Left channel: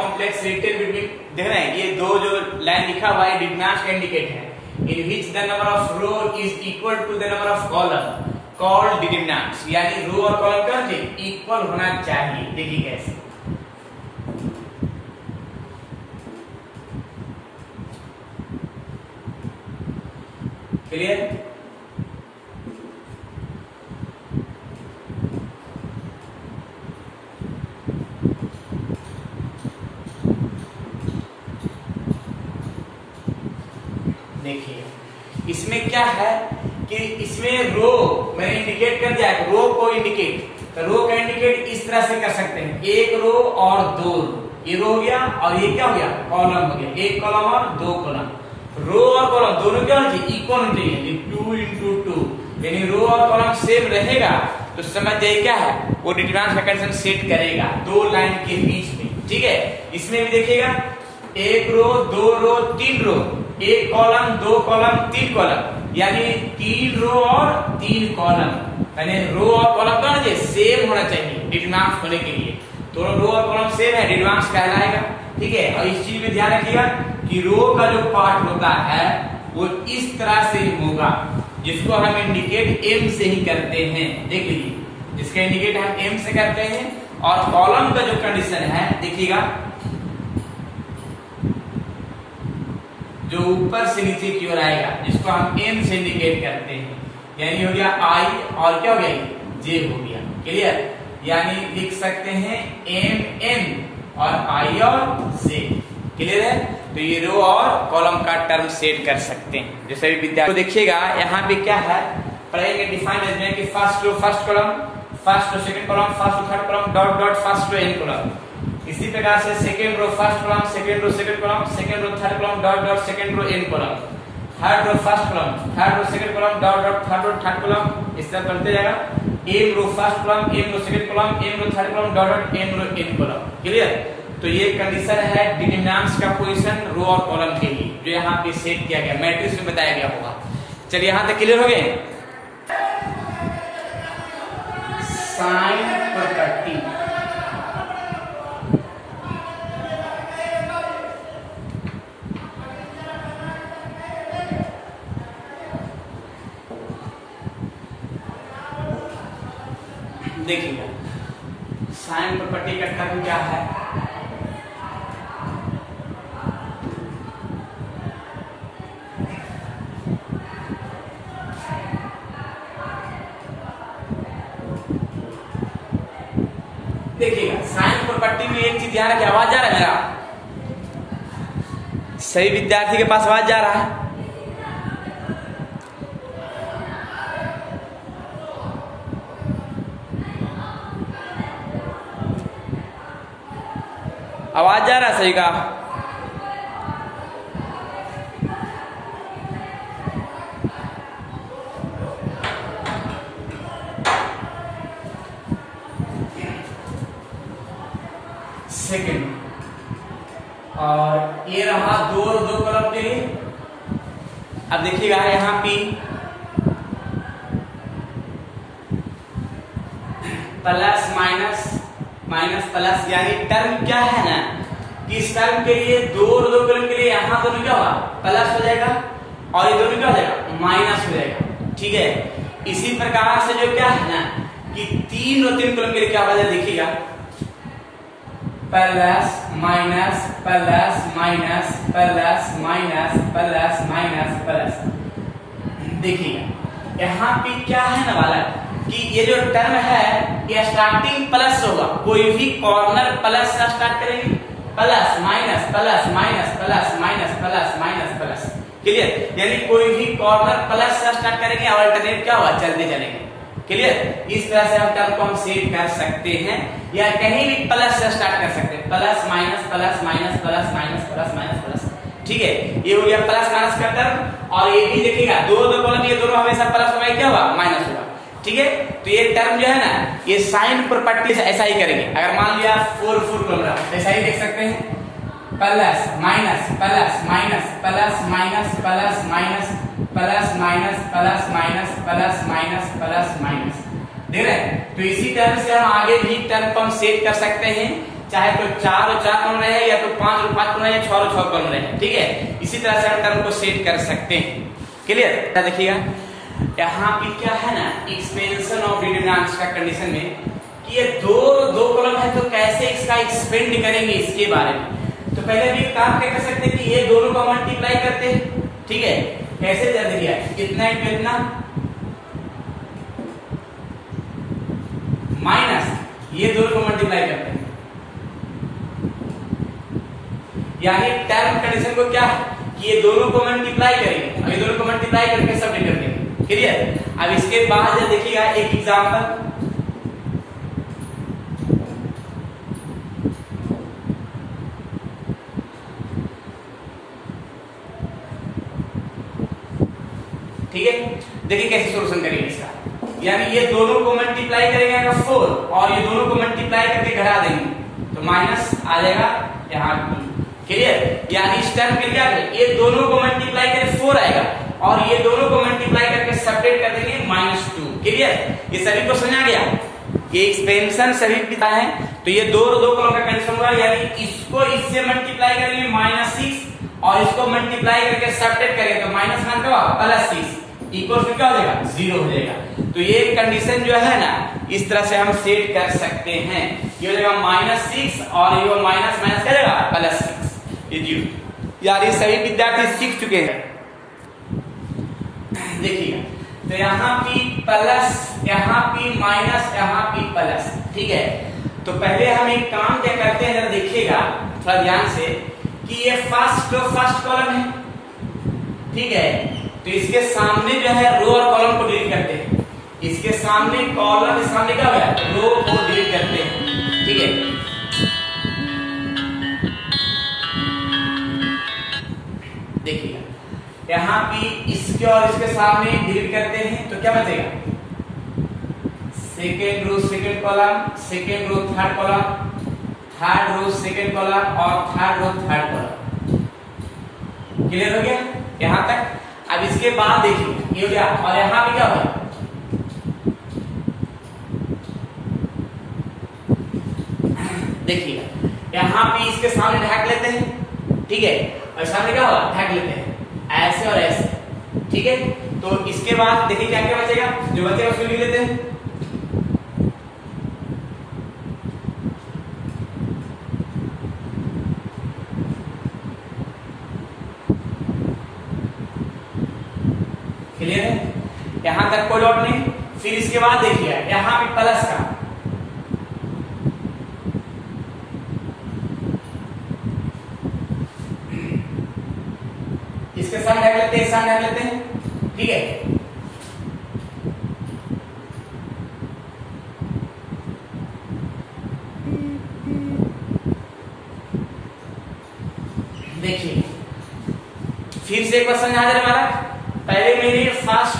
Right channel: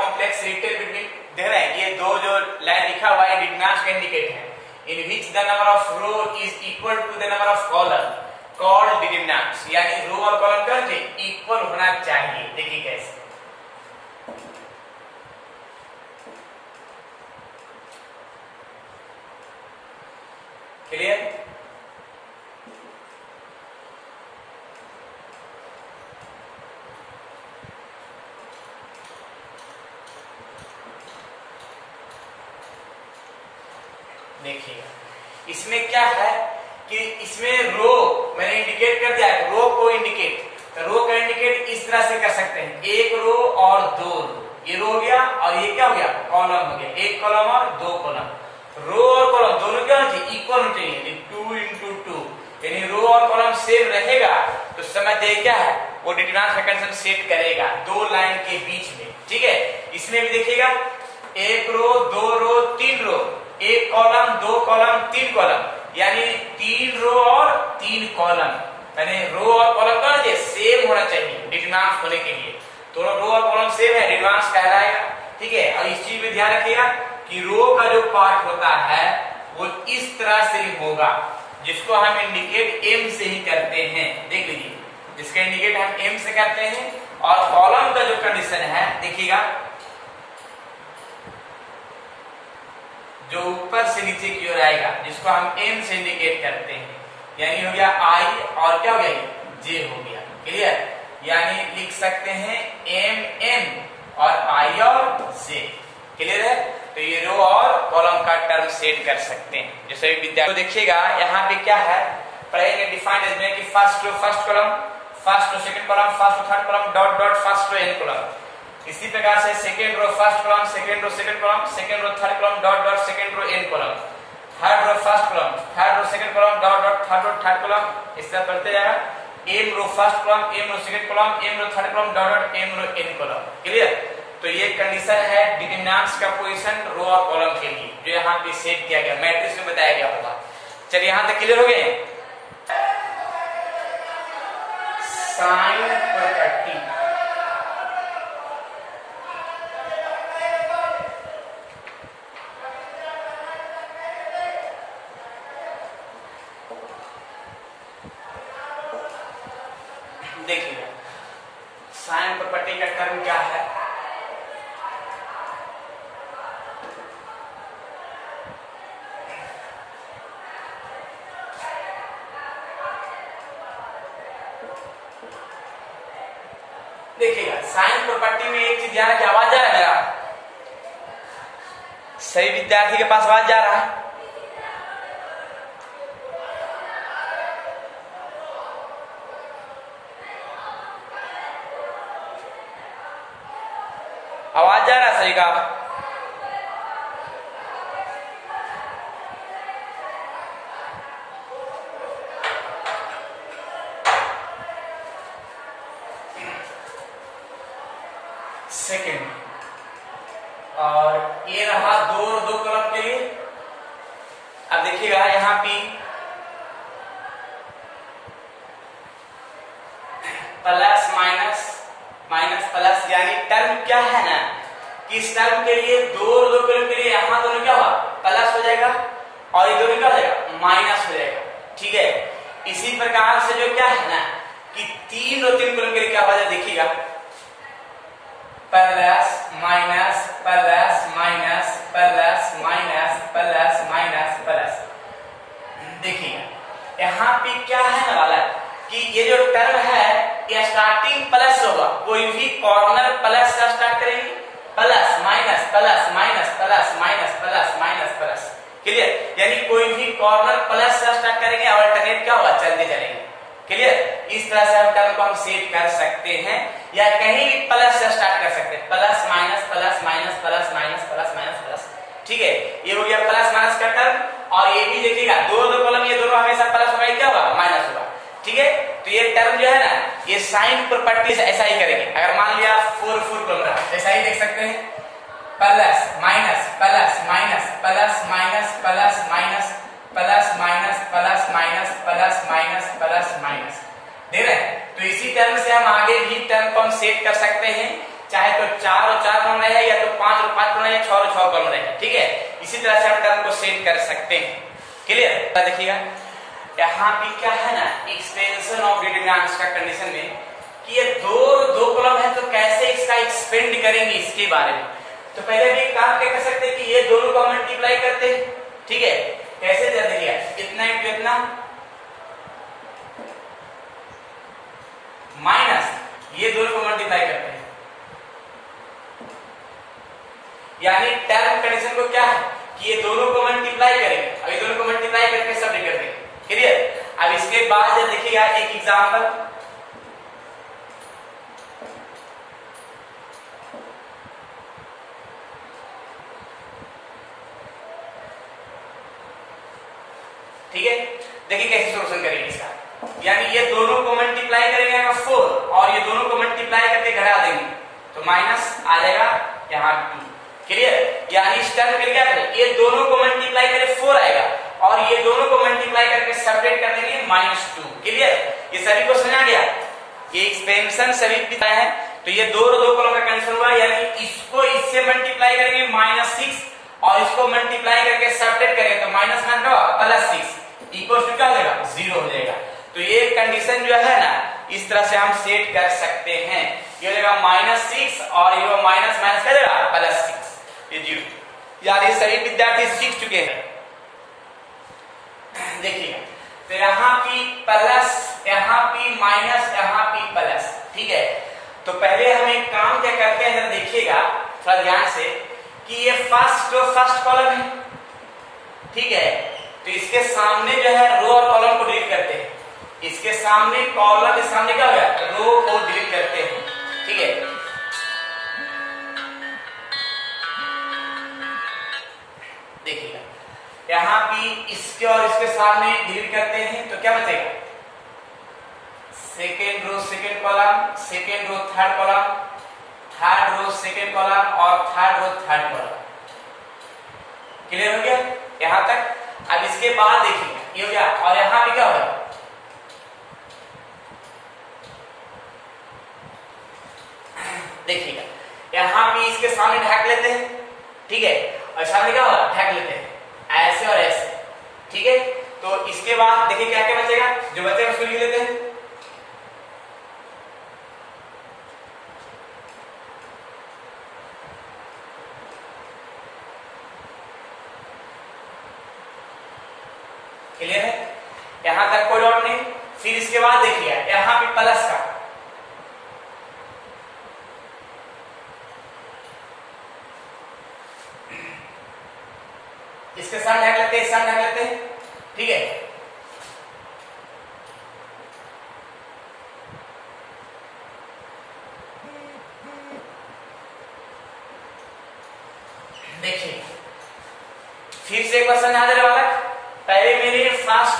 Complex relation between, देख रहे हैं ये दो जो लाइन लिखा हुआ है डिटरमिनेंट का इंडिकेट है, in which the number of row is equal to the number of column called determinants, यानी रो और कॉलम क्या होंगे इक्वल होना चाहिए। देखिए कैसे, क्लियर? देखिए इसमें क्या है कि इसमें रो मैंने इंडिकेट कर दिया, रो को इंडिकेट, तो रो का इंडिकेट इस तरह से कर सकते हैं, एक रो और दो रो, ये रो हो गया और ये क्या हो गया कॉलम हो गया, एक कॉलम और दो कॉलम, रो और कॉलम दोनों क्या होना चाहिए इक्वल होना चाहिए, 2 into 2, यानी रो और कॉलम सेम रहेगा तो समझ जाइए क्या है वो डिटरमिनेंट का कंडीशन सेट करेगा दो लाइन के बीच में। ठीक है, इसमें भी देखिएगा एक रो दो रो तीन रो, एक कॉलम दो कॉलम तीन कॉलम, यानी तीन रो और तीन कॉलम, यानी रो और कॉलम का सेम होना चाहिए डिटरमिनेंट होने के लिए, तो रो और कॉलम सेम है डिटरमिनेंट कहलाएगा। ठीक है, और इस चीज में ध्यान रखिएगा कि रो का जो पार्ट होता है वो इस तरह से होगा जिसको हम इंडिकेट एम से ही करते हैं, देख लीजिए जिसका इंडिकेट हम एम से करते हैं, और कॉलम का जो कंडीशन है देखिएगा जो ऊपर से नीचे की ओर आएगा जिसको हम एम से इंडिकेट करते हैं, यानी हो गया आई और क्या हो गया जे हो गया। क्लियर, यानी लिख सकते हैं एम एन और आई और जे। क्लियर है, तो ये रो और कॉलम का टर्म सेट कर सकते हैं। जैसे विद्यार्थी को देखिएगा यहाँ पे क्या है पढ़ेंगे डिफाइंड एज में कि first row first column, first row second column, first row third column dot dot first row N column. इसी प्रकार से second row first column, second row second column, second row third column dot dot second row N column, third row first column, third row second column dot dot third row third column, इस तरह बढ़ते जाएगा, M row first column, M row second column, M रो third column dot dot M row N column. Clear, तो ये condition है determinants का position रो और column के लिए जो यहाँ पे सेट किया गया मैट्रिक्स में बताया गया होगा। चलिए यहाँ तक क्लियर हो गए। साइन प्रॉपर्टी, देखिए साइन प्रॉपर्टी का टर्म क्या है, देखिएगा साइन प्रॉपर्टी में एक चीज ध्यान रखिए, आवाज जा रहा है मेरा, सही विद्यार्थी के पास आवाज जा रहा है? आवाज जा रहा है सही का? सेकंड, और ये रहा दो दो कॉलम के लिए। अब देखिएगा यहाँ पे प्लस माइनस माइनस प्लस, यानी टर्म क्या है ना कि इस टर्म के लिए दो दो कॉलम के लिए यहाँ दोनों क्या हुआ प्लस हो जाएगा और ये दोनों क्या हो जाएगा माइनस हो जाएगा। ठीक है, इसी प्रकार से जो क्या है ना कि तीन और तीन कॉलम के लिए क्या हो जाएगा, देखिएगा plus minus plus minus plus minus plus minus plus. देखिएगा यहाँ पे क्या है ना वाला कि ये जो टर्म है ये स्टार्टिंग प्लस होगा, कोई भी कॉर्नर प्लस का स्टार्ट करेंगे, plus minus plus minus plus minus plus minus plus. Clear, यानी कोई भी कॉर्नर प्लस से स्टार्ट करेंगे और अल्टरनेट क्या होगा चलते चलेंगे। क्लियर, इस तरह से हम टर्म को हम सेट कर सकते हैं, या कहीं भी प्लस से स्टार्ट कर सकते हैं, plus minus plus minus plus minus plus minus plus. ठीक है, ये हो गया प्लस माइनस का टर्म, और ये भी देखिएगा दो दो कॉलम ये दोनों हमेशा प्लस में क्या होगा माइनस होगा। ठीक है, तो ये टर्म जो है ना ये साइन प्रॉपर्टी से ऐसा ही करेंगे। अगर मान लिया 4 4 कॉलम रहा ऐसा ही देख सकते हैं, plus minus plus minus plus minus plus minus plus minus plus minus plus minus plus minus, देख रहे हैं। तो इसी तरह से हम आगे भी टर्म को हम सेट कर सकते हैं चाहे तो 4 और 4 कॉलम रहे या तो 5 और 5 कॉलम रहे या 6 और 6 कॉलम रहे, ठीक है। इसी तरह से हम टर्म को सेट कर सकते हैं। क्लियर? देखिएगा यहाँ पे क्या है ना, एक्सपेंशन ऑफ डिटरमिनेंट्स का कंडीशन में कि ये दो कॉलम है तो कैसे इसका एक्सपेंड करेंगे इसके बारे में। तो पहले भी काम क्या कर सकते हैं कि ये दोनों को मल्टीप्लाई करते हैं, ठीक है। कैसे कर दिया, इतना इंटू इतना माइनस ये दोनों को मल्टीप्लाई करते हैं, यानी टर्म कंडीशन को क्या है कि ये दोनों को मल्टीप्लाई करेंगे, और ये दोनों को मल्टीप्लाई करके सबट्रैक्ट कर देंगे। क्लियर? अब इसके बाद देखिएगा एक एग्जांपल, ठीक है। देखिए कैसे सोल्यूशन करेंगे इसका, यानी ये दोनों को मल्टीप्लाई करेंगे 4 और ये दोनों को मल्टीप्लाई करके घटा देंगे तो माइनस आ जाएगा यहाँ। क्लियर? यानी इस टर्म में क्या है, ये दोनों को मल्टीप्लाई करके 4 आएगा और ये दोनों को मल्टीप्लाई करके सेपरेट कर देंगे -2। क्लियर? ये सभी को समझ आ गया, ये एक्सपेंशन सभी पिता है। तो ये दो कॉलम का कंडीशन हुआ, यानी इसको इससे मल्टीप्लाई करेंगे -6 और इसको मल्टीप्लाई करके सेपरेट करेंगे तो माइनस का +6 इक्वल टू क्या हो जाएगा, 0 हो जाएगा। तो ये कंडीशन जो है ना इस तरह से हम सेट कर सकते हैं। ये हो जाएगा -6 और ये माइनस माइनस कर देगा +6, ये 0। यार ये सही विद्यार्थी सीख चुके हैं। देखिए तो यहाँ पी प्लस, यहाँ पी माइनस, यहाँ पी प्लस, ठीक है। तो पहले हम एक काम क्या करते हैं, जरा देखिएगा थोड़ा ध्यान से कि ये फर्स्ट कॉलम है, ठीक है। तो इसके सामने जो है रो और कॉलम को डिलीट करते हैं, इसके सामने कॉलम के सामने क्या होगा, रो को डिलीट करते हैं, ठीक है। देखिएगा यहाँ पे इसके और इसके सामने डिलीट करते हैं तो क्या बचेगा, second row second column, second row third column, third row second column और third row third column. Clear हो गया यहाँ तक? अब इसके बाद देखिए ये हो गया और यहाँ पे क्या होगा, देखिएगा यहाँ पे इसके सामने ढक लेते हैं, ठीक है, और सामने क्या होगा, ढक लेते हैं ऐसे और ऐसे, ठीक है। तो इसके बाद देखिए क्या क्या बचेगा, जो बचेगा उसको लिख लेते हैं। क्लियर है? यहां तक कोई डॉट नहीं। फिर इसके बाद देखिए यहां पे प्लस का, इसके साथ ढक लेते हैं, साथ ढक लेते हैं, ठीक है। देखिए फिर से एक क्वेश्चन आ जाने वाला। पहले मैंने फर्स्ट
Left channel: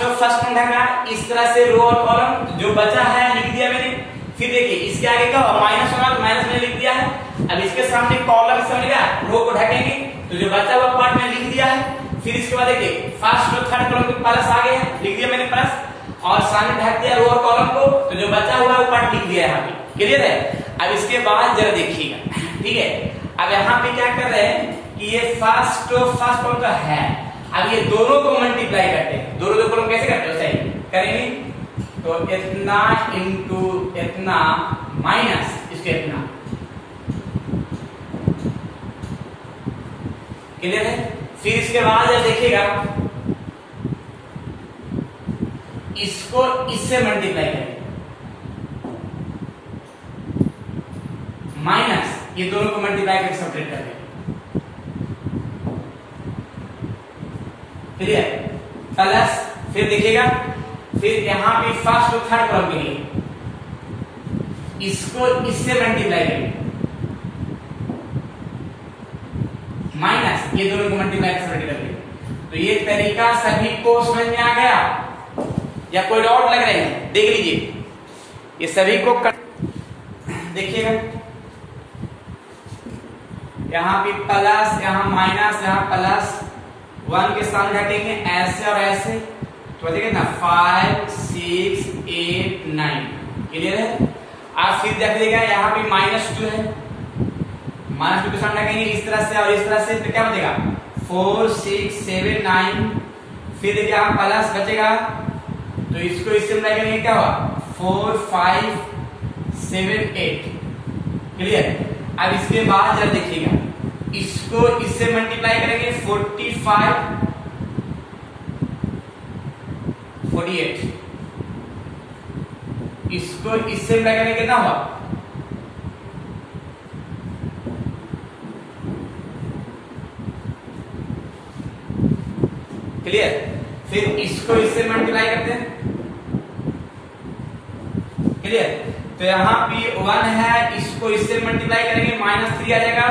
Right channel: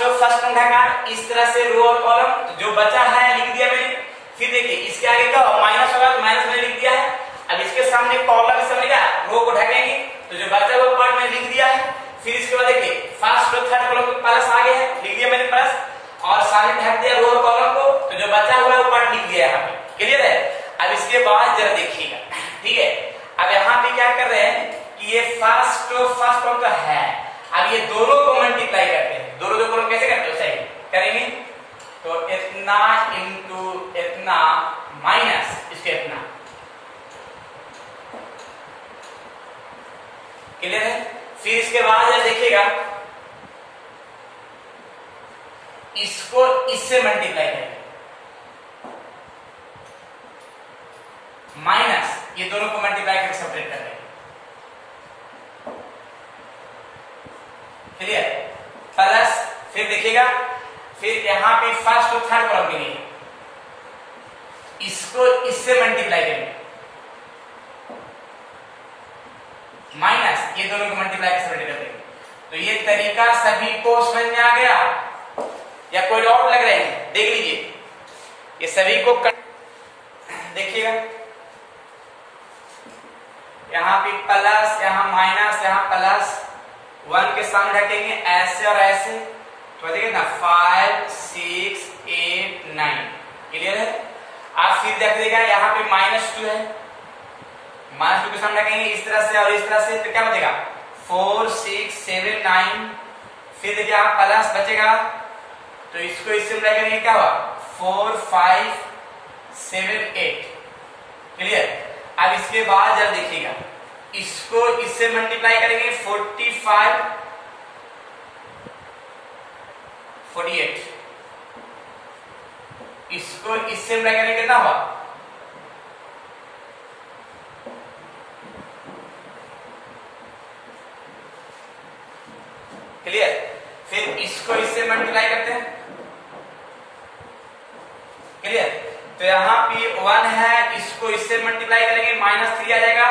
ढका, इस तरह से रो और कॉलम जो बचा है लिख दिया मैंने। फिर देखिए इसके आगे क्या होगा, माइनस होगा तो माइनस मैंने लिख दिया है। अब इसके सामने कॉलम समझेगा, रो को ढकेंगे तो जो बचा हुआ पार्ट मैंने लिख दिया है। फिर इसके बाद देखिए फर्स्ट और थर्ड कॉलम को प्लस आ गए हैं, लिख दिया मैंने प्लस, और सामने ढक दिया रो और कॉलम को, तो जो बचा हुआ वो पार्ट लिख दिया यहाँ पे। क्लियर है? अब इसके बाद जरा देखिएगा, ठीक है। अब यहाँ पे क्या कर रहे हैं कि ये फर्स्ट कॉलम का है, अब ये दोनों को मल्टीप्लाई करते हैं। दोनों कॉलम कैसे करते हो, सही करेंगे तो इतना इंटू इतना माइनस इसके इतना। क्लियर है? फिर इसके बाद देखिएगा इसको इससे मल्टीप्लाई करेंगे, माइनस ये दोनों को मल्टीप्लाई करके सेपरेट कर देंगे। क्लियर? प्लस फिर देखिएगा, फिर यहां पे फर्स्ट और थर्ड कॉलम के लिए इसको इससे मल्टीप्लाई करेंगे, माइनस ये दोनों को मल्टीप्लाई कर देंगे। तो ये तरीका सभी को समझ में आ गया या कोई डाउट लग रहे हैं? देख लीजिए ये सभी को देखिएगा, यहाँ पे प्लस, यहाँ माइनस, यहाँ प्लस, 1 के सामने रखेंगे ऐसे और ऐसे, तो देखिए ना 5 6 8 9। क्लियर है? आप फिर देखिएगा यहाँ पे -2 है, -2 के सामने लगेंगे इस तरह से और इस तरह से, तो क्या बचेगा 4 6 7 9, फिर देखिए यहाँ प्लस बचेगा, तो इसको इससे मिला करेंगे क्या हुआ 4 5 7 8। क्लियर। अब इसके बाद जब देखिएगा इसको इससे मल्टीप्लाई करेंगे 45 48, इसको इससे मिला करेंगे कितना हुआ 48। क्लियर। फिर इसको इससे मल्टीप्लाई करते हैं। क्लियर। तो यहाँ P1 है, इसको इससे मल्टीप्लाई करेंगे -3 आ जाएगा,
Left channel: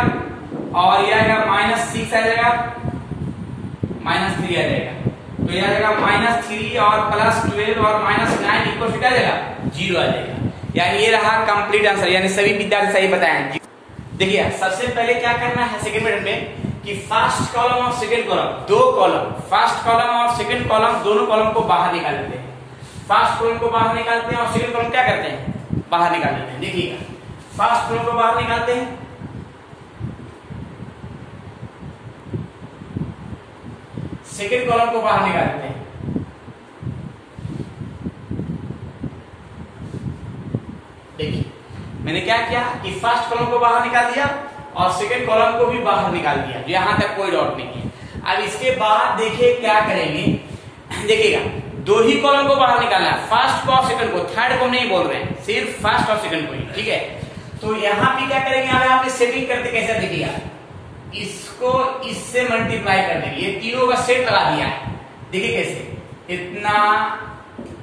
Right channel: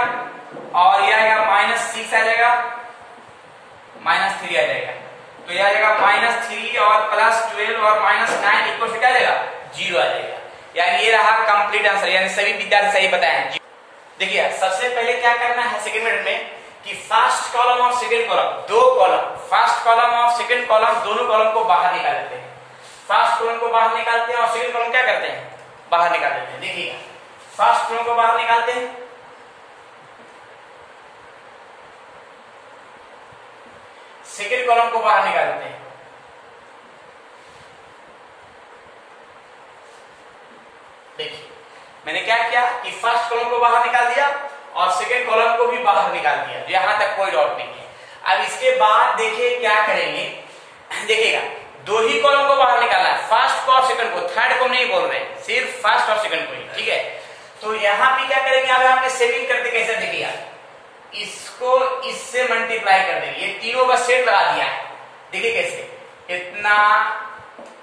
और ये आएगा -6 आ जाएगा, -3 आ जाएगा, तो ये आ जाएगा -3 और +12 और -9 इक्वल क्या आ जाएगा 0 आ जाएगा। यानी ये रहा कंप्लीट आंसर, यानी सभी विद्यार्थी सही बताएं। देखिए सबसे पहले क्या करना है सेकंड मिनट में कि फर्स्ट कॉलम और सेकंड कॉलम, दो कॉलम, फर्स्ट कॉलम और सेकंड कॉलम दोनों कॉलम को बाहर निकाल लेते हैं। फर्स्ट कॉलम को बाहर निकालते हैं और सेकंड कॉलम क्या करते हैं बाहर निकाल लेते हैं। देखिएगा फर्स्ट कॉलम को बाहर निकालते हैं, सेकंड कॉलम को बाहर निकालते हैं। देखिए मैंने क्या किया कि फर्स्ट कॉलम को बाहर निकाल दिया और सेकंड कॉलम को भी बाहर निकाल दिया, यहां तक कोई डाउट नहीं है। अब इसके बाद देखिए क्या करेंगे, देखिएगा दो ही कॉलम को बाहर निकालना है, फर्स्ट को और सेकंड को, थर्ड को नहीं बोल रहे हैं, सिर्फ फर्स्ट और सेकंड को ही। ठीक है, तो यहां पे क्या करेंगे, अब यहाँ पे सेटिंग करते कैसे देखिएगा, इसको इससे मल्टीप्लाई कर देंगे, ये तीनों का सेट लगा दिया है। देखिए कैसे, इतना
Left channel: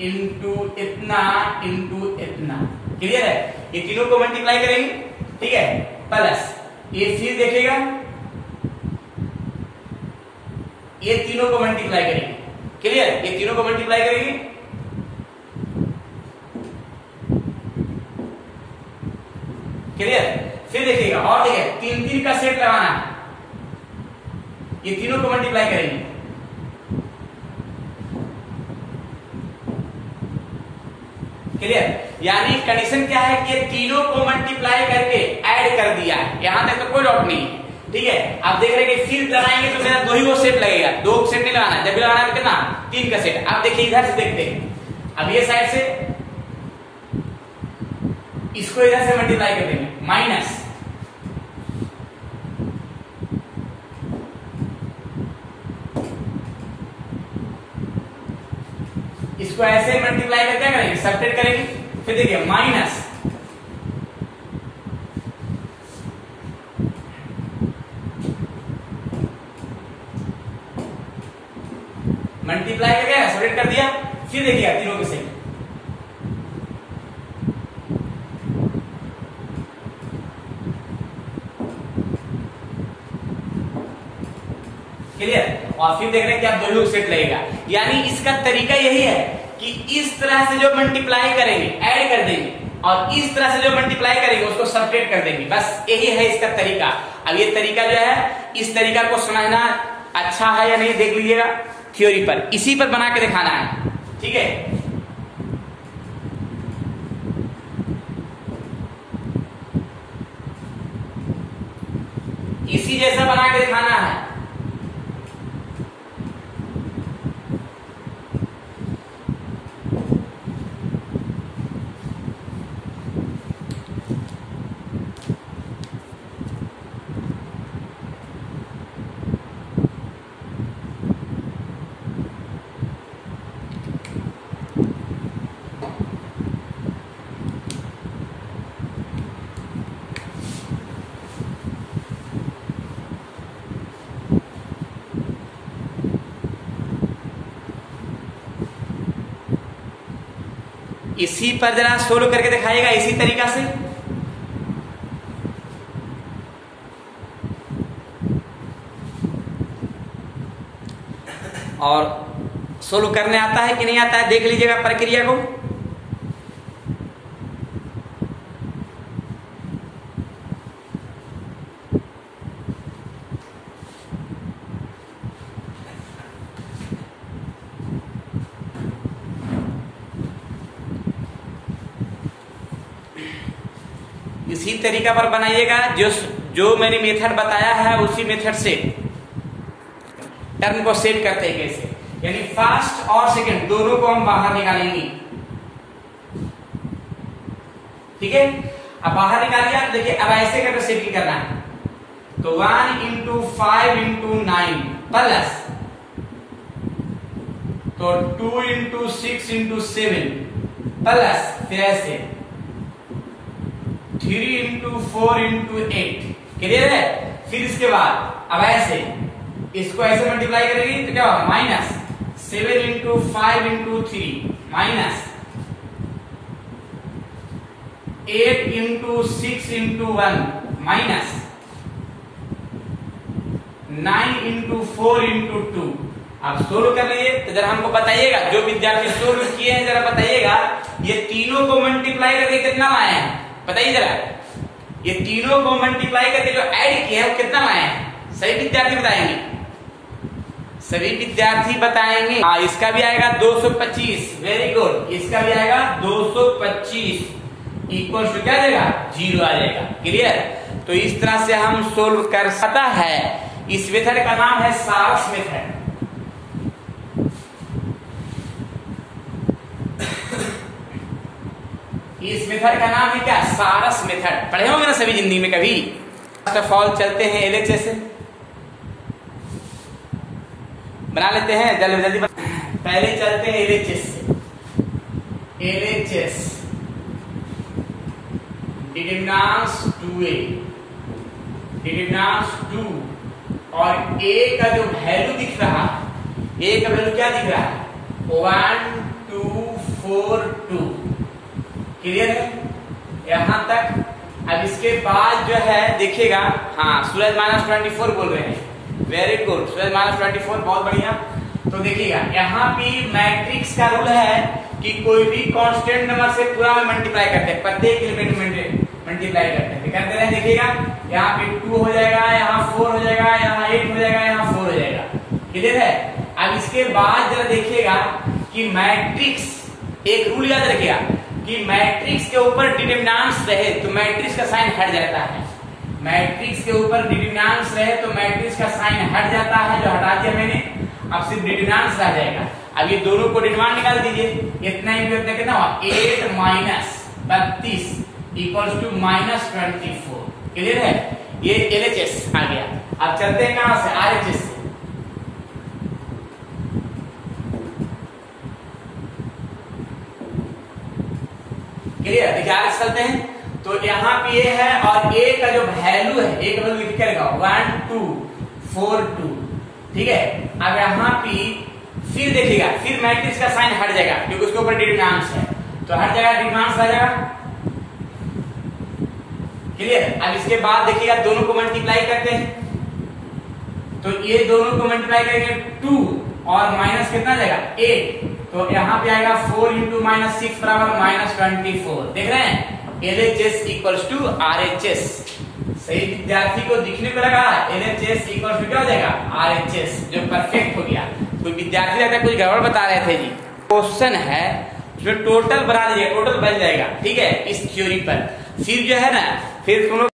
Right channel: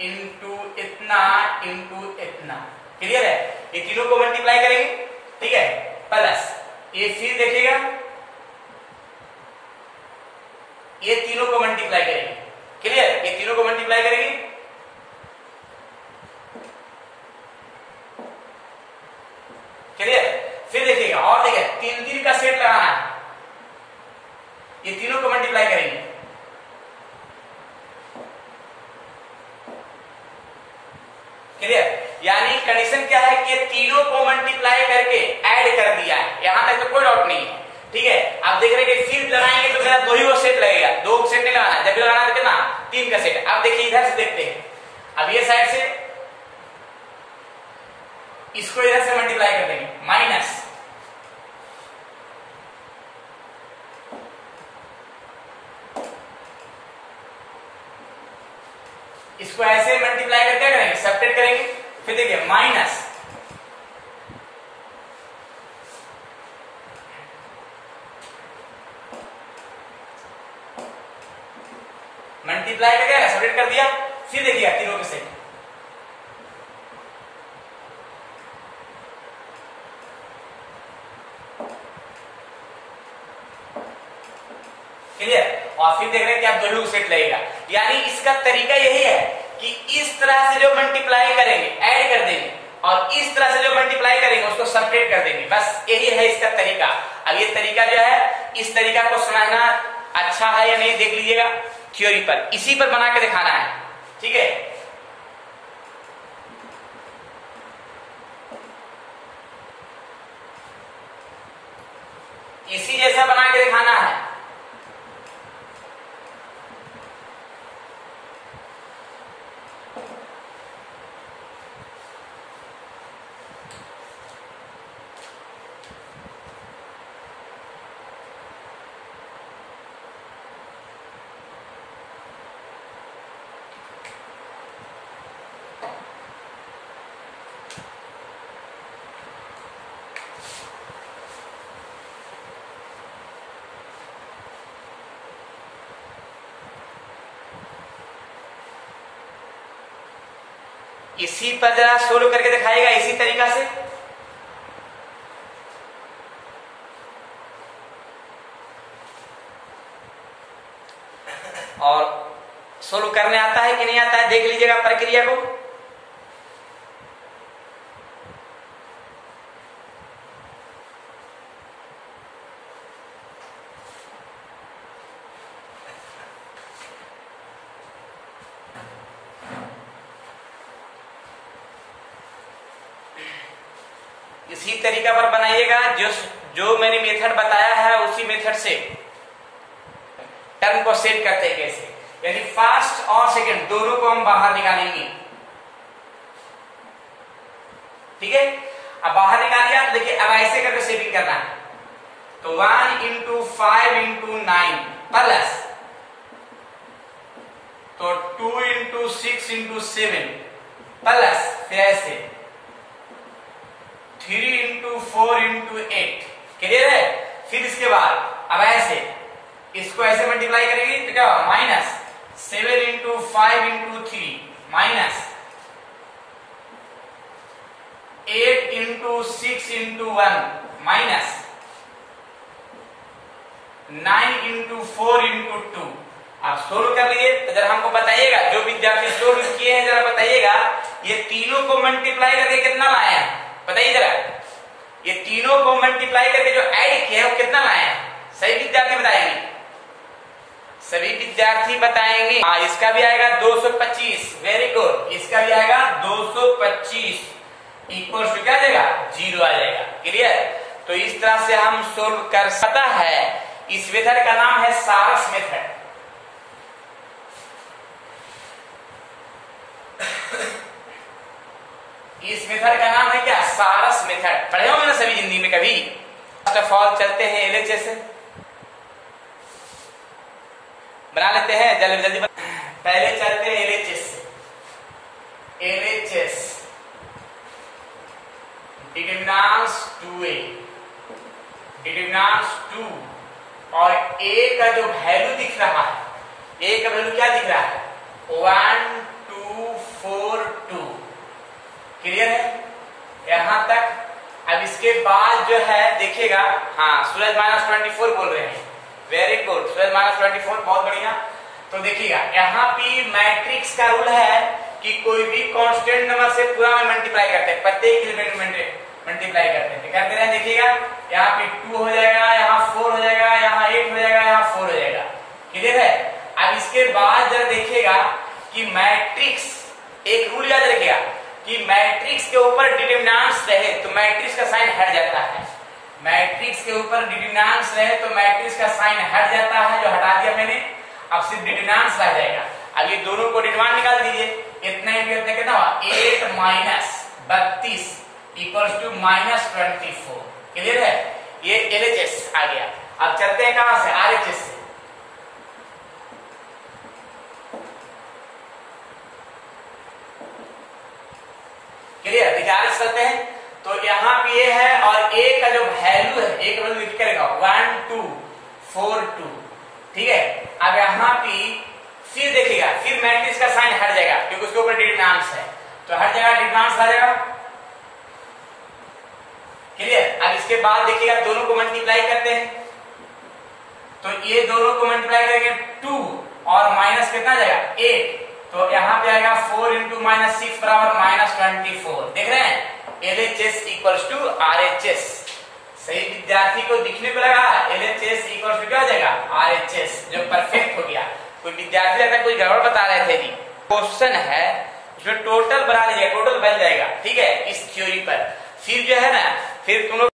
इंटू इतना इंटू इतना। क्लियर है, ये तीनों को मल्टीप्लाई करेंगे। ठीक है, प्लस ये फिर देखिएगा ये तीनों को मल्टीप्लाई करेंगे। क्लियर, ये तीनों को मल्टीप्लाई करेंगे। क्लियर, फिर देखिएगा और देखिए तीन तीन का सेट लगाना है, ये तीनों को मल्टीप्लाई करेंगे। क्लियर, यानी कंडीशन क्या है कि ये तीनों को मल्टीप्लाई करके ऐड कर दिया है, यहां तक तो कोई डाउट नहीं है। ठीक है, आप देख रहे हैं कि फिर लगाएंगे तो मेरा दो ही वो सेट लगेगा, दो सेट नहीं लगाना, जब भी लगाना है कितना तीन का सेट। अब देखिए इधर से देखते हैं, अब ये साइड से इसको इधर से मल्टीप्लाई कर देंगे, माइनस इसको ऐसे मल्टीप्लाई करके क्या करेंगे, सब्ट्रैक्ट करेंगे। फिर देखिए माइनस मल्टीप्लाई करके सब्ट्रैक्ट कर दिया। फिर देखिए तीनों के सही, क्लियर, और फिर देख रहे हैं कि आप दोनों को सेट लगेगा। यानी इसका तरीका यही है कि इस तरह से जो मल्टीप्लाई करेंगे ऐड कर देंगे, और इस तरह से जो मल्टीप्लाई करेंगे उसको सब्ट्रैक्ट कर देंगे, बस यही है इसका तरीका। अब ये तरीका जो है, इस तरीका को समझना अच्छा है या नहीं देख लीजिएगा थ्योरी पर, इसी पर बना के दिखाना है। ठीक है, इसी जैसा बना के दिखाना है। इसी पर जरा सोल्व करके दिखाएगा इसी तरीका से। और सोल्व करने आता है कि नहीं आता है देख लीजिएगा प्रक्रिया को। इसी तरीका पर बनाइएगा, जो मैंने मेथड बताया है उसी मेथड से टर्म को सेट करते हैं कैसे, यानी फर्स्ट और सेकंड दोनों को हम बाहर निकालेंगे। ठीक है, अब बाहर निकालिए। देखिए अब ऐसे करके सेटिंग करना है, तो 1 इंटू 5 इंटू 9 प्लस तो 2 इंटू 6 इंटू 7 प्लस फिर ऐसे 3 इंटू 4 इंटू 8। क्लियर है। फिर इसके बाद अब ऐसे इसको ऐसे मल्टीप्लाई करेंगे तो क्या होगा, minus 7 into 5 into 3 minus 8 into 6 into 1 minus 9 into 4 into 2। आप सोल्व कर लिए तो जरा हमको बताइएगा, जो विद्यार्थी सोल्व किए हैं जरा बताइएगा ये तीनों को मल्टीप्लाई करके कितना लाए हैं, बताइए जरा। ये तीनों को मल्टीप्लाई करके जो ऐड किया है वो कितना लाए हैं, सही विद्यार्थी बताएंगे, सभी विद्यार्थी बताएंगे। हाँ, इसका भी आएगा 225, वेरी गुड। इसका भी आएगा 225 इक्वल टू क्या देगा, 0 आ जाएगा। क्लियर। तो इस तरह से हम सोल्व कर सकता है। इस मेथड का नाम है सारस मेथड। इस मेथड का नाम है क्या, सारस मेथड। पढ़े होंगे ना सभी जिंदगी में कभी। फर्स्ट ऑफ ऑल चलते हैं एलएचएस बना लेते हैं, जल्दी जल्दी पहले चलते हैं LHS. LHS determinants 2a, determinants 2 और a का जो वैल्यू दिख रहा है, a का वैल्यू क्या दिख रहा है, 1 2 4 2। क्लियर है यहां तक। अब इसके बाद जो है देखिएगा, हाँ सूरज -24 बोल रहे हैं, वेरी गुड, सूरज -24 बहुत बढ़िया। तो देखिएगा यहाँ पे मैट्रिक्स का रूल है कि कोई भी कांस्टेंट नंबर से पूरा में मल्टीप्लाई करते हैं, प्रत्येक एलिमेंट में मल्टीप्लाई करते हैं, करते रहे। देखिएगा यहाँ पे 2 हो जाएगा, यहाँ 4 हो जाएगा, यहाँ 8 हो जाएगा, यहाँ 4 हो जाएगा। क्लियर है। अब इसके बाद जरा देखिएगा कि मैट्रिक्स, एक रूल याद रखिएगा कि मैट्रिक्स के ऊपर डिटरमिनेंट्स रहे तो मैट्रिक्स का साइन हट जाता है। मैट्रिक्स के ऊपर डिटरमिनेंट्स रहे तो मैट्रिक्स का साइन हट जाता है, जो हटा दिया मैंने। अब सिर्फ डिटरमिनेंट्स रह जाएगा। अब ये दोनों को डिटरमिनेंट निकाल दीजिए, इतना ही इतना कितना हुआ, 8 माइनस 32 इक्वल्स टू -24। क्लियर है। ये एलएचएस आ गया। अब चलते हैं कहां से, आरएचएस से। क्लियर, आरएचएस चलते हैं। तो यहाँ पे ये है और ए का जो वैल्यू है, एक वैल्यू लिख करेगा 1 2 4 2। ठीक है। अब यहाँ पे फिर देखिएगा, फिर मैट्रिक्स का साइन हट जाएगा क्योंकि उसके ऊपर डिटरमिनेंट्स है, तो हट जाएगा, डिटरमिनेंट्स आ जाएगा। क्लियर। अब इसके बाद देखिएगा दोनों को मल्टीप्लाई करते हैं, तो ये दोनों को मल्टीप्लाई करेंगे 2 और माइनस कितना जाएगा 8, तो यहाँ पे आएगा 4 इंटू -6 बराबर -24। देख रहे हैं, एलएचएस इक्वल्स टू आरएचएस। सही विद्यार्थी को दिखने को लगा एलएचएस इक्वल्स टू क्या हो जाएगा, आरएचएस, जो परफेक्ट हो गया। कोई विद्यार्थी अगर कोई गड़बड़ बता रहे थे जी, क्वेश्चन है जो टोटल बना लीजिए, टोटल बन जाएगा। ठीक है, इस थ्योरी पर फिर जो है ना, फिर तुम